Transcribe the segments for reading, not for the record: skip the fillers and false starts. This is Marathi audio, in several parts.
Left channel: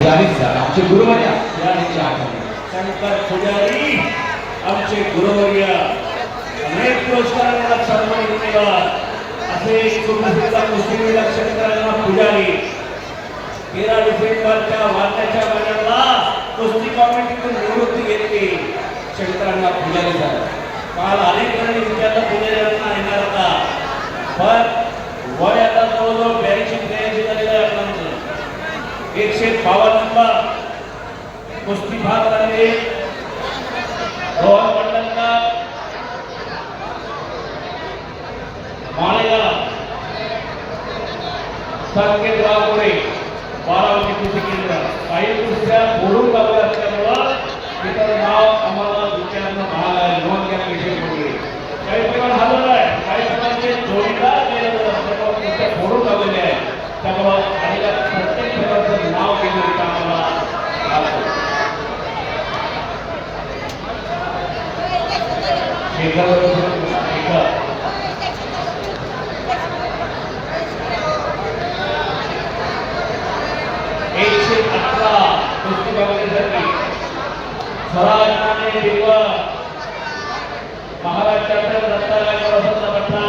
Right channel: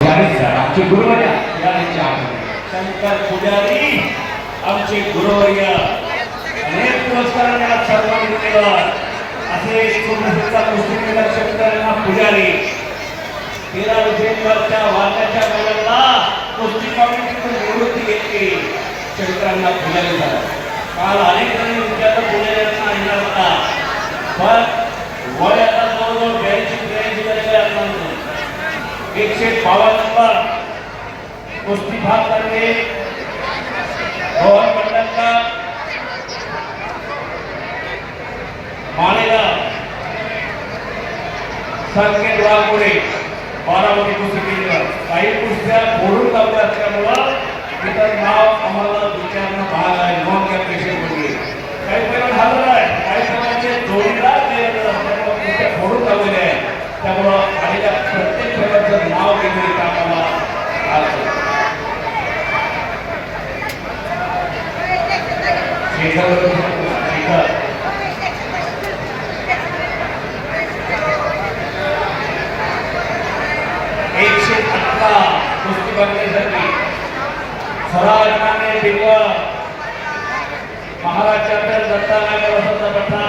आमचे गुरुवर्य शंकर पुजारी आमचे गुरुवर्य अनेक पुरस्कारांना सन्मान केला असे सुप्रसिद्ध मुस्लिम शंकरांना पुजारी 13 डिसेंबरच्या वारण्याच्या वेळेला कुस्ती कमिटीतून निवृत्ती घेतली. शंकरांना पुजारी झाला. काल अनेक जणांनी विद्यार्थी पुजाऱ्यांना येणार होता पण वय आता जवळजवळ 82-83 झालेला 152 नंबर कुस्ती भाग झाले. रोहन मंडलका माळेगाव संकेत वाघोडे बारामती कुस्ती केंद्र काही कुस्त्या फोडून लावल्या असल्यामुळं इतर नाव आम्हाला दुसऱ्यांना भाग आहे नोंद घ्या पेशंटमध्ये काही जण झालं आहे काही जणांचे जोडीदार दिलेलं असल्यामुळं कुस्त्या फोडून लावलेल्या आहे. त्यामुळं आलेल्या प्रत्येक खेळाचं नाव घेतले का आम्हाला कुस्ती करण्यासाठी स्वराज्याने दिलं महाराष्ट्राच्या दत्तात्रय वसंत पटना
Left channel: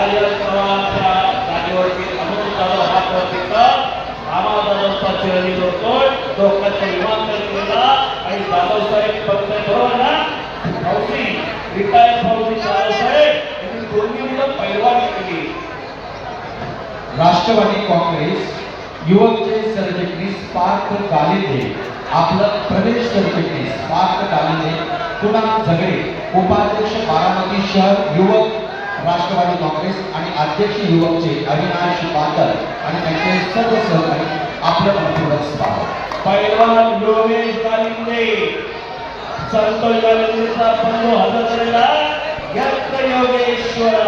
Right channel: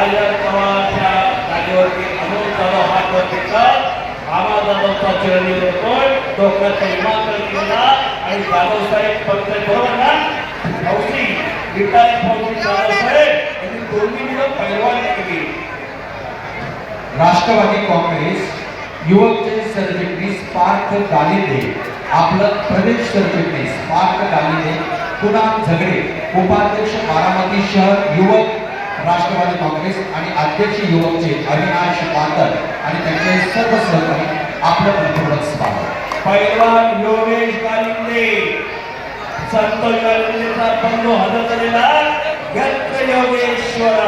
आर्यवाच्या जागेवरती अनोखा हातवरतीचा आमादाचा चिरंजीव होतो डोक्याचा विमानतळ केला आणि दादासाहेब पंतप्रधानांना फौजी रिटायर फौजी दादासाहेब यांनी दोन्ही मुलं पैलवानी केली. राष्ट्रवादी काँग्रेस युवकचे सरचिटणीस पार्थ गालिंदे आपलं प्रदेश सरचिटणीस पार्थ गालिंदे कुणाल झगडे उपाध्यक्ष बारामती शहर युवक राष्ट्रवादी काँग्रेस आणि अध्यक्ष युवकचे अविनाश पातर आणि त्यांचे सर्व सहकारी आपलं मनपूर्वक स्वागत. पैलवान योगेश गालिंदे संतोष गालिंदेचा बंधू हजर झालेला यज्ञ योगेश्वर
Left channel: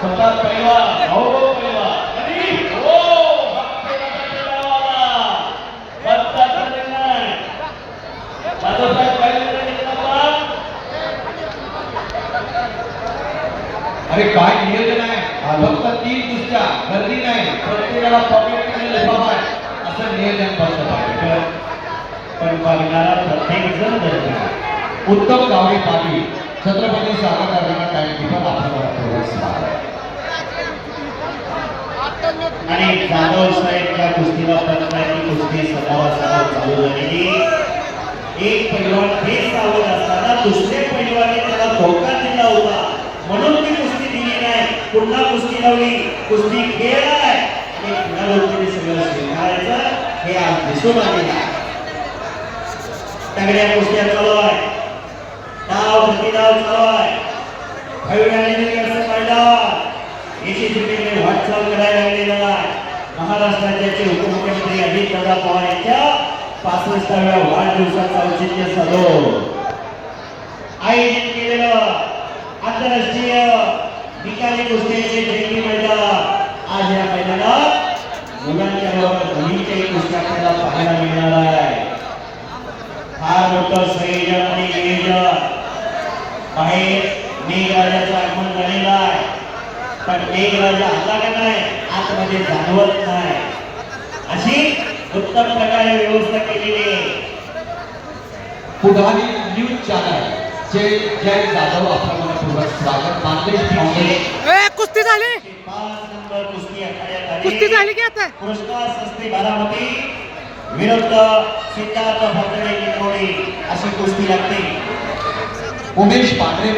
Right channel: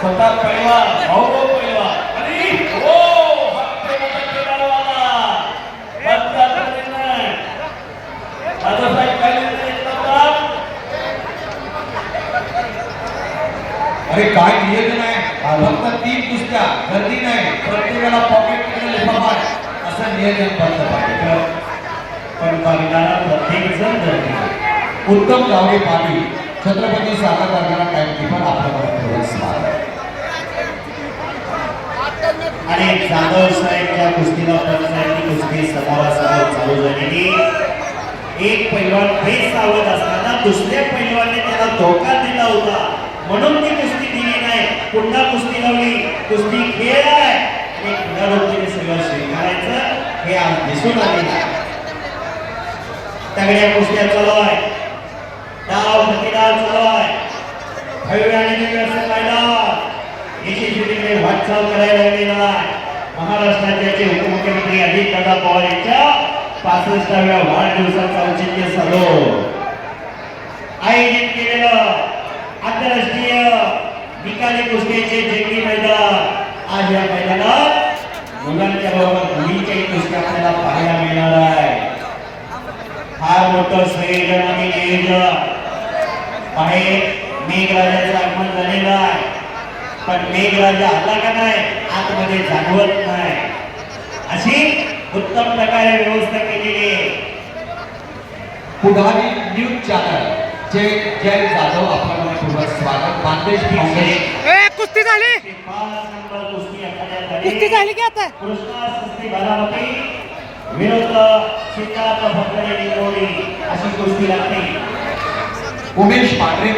स्वतः पैलवान भाऊ पैलवान अरे काय नियोजन आहे फक्त 3 कुस्त्या गर्दी नाही प्रत्येकाला पॉकेट मध्ये लिफाफा आहे असं नियोजन करत पाहिजे. पण बघणारा प्रत्येक जण गर्दी. उत्तम गावडे पाटील छत्रपती सागर कारखाना टाइमकीपर आपल्याला स्वागत. आणि जाधव साहेबच्या कुस्तीला पक्षाची कुस्ती समोरासमोर चालू झालेली. एक पैलवान हे सावध असताना दुसऱ्या पैलवाने त्याला धोका दिला होता म्हणून ती कुस्ती दिली नाही. पुन्हा कुस्ती लावली. कुस्ती खेळ आहे आणि पुनरावृत्तीने सगळं स्वीकारायचं हे आज दिसून आलेलं आहे. तगड्या कुस्त्या चालू आहे. डाव प्रतिडाव चालू आहे. यशस्वीपणे वाटचाल करायला लागलेला आहे. महाराष्ट्राचे उपमुख्यमंत्री अजितदादा पवार यांच्या 65व्या वाढदिवसाचा औचित्य साधून आयोजित केलेलं आंतरराष्ट्रीय निकाली कुस्त्यांचे जंगी मैदान आज या मैदानात मुलांच्या बरोबर मुलींच्याही कुस्त्या आपल्याला पाहायला मिळणार आहे. फार मोठं संयोजन आणि नियोजन आहे. मेघराजाचं आगमन झालेलं आहे पण मेघराजा आला का नाही आतमध्ये जाणवत नाही अशी उत्तम प्रकारे व्यवस्था केलेली आहे. पुढारी न्यूज चॅनल जे जय जाधव आपल्याला पूर्ण स्वागत. बांदेश कुस्ती झाली 5 नंबर कुस्ती आखाड्यात कुस्ती झाली की आता कृष्णा संस्थे बारामती विरुद्ध सिद्धार्थ भद्रे लिंगोडी अशी कुस्ती लागते. उमेश पांढरे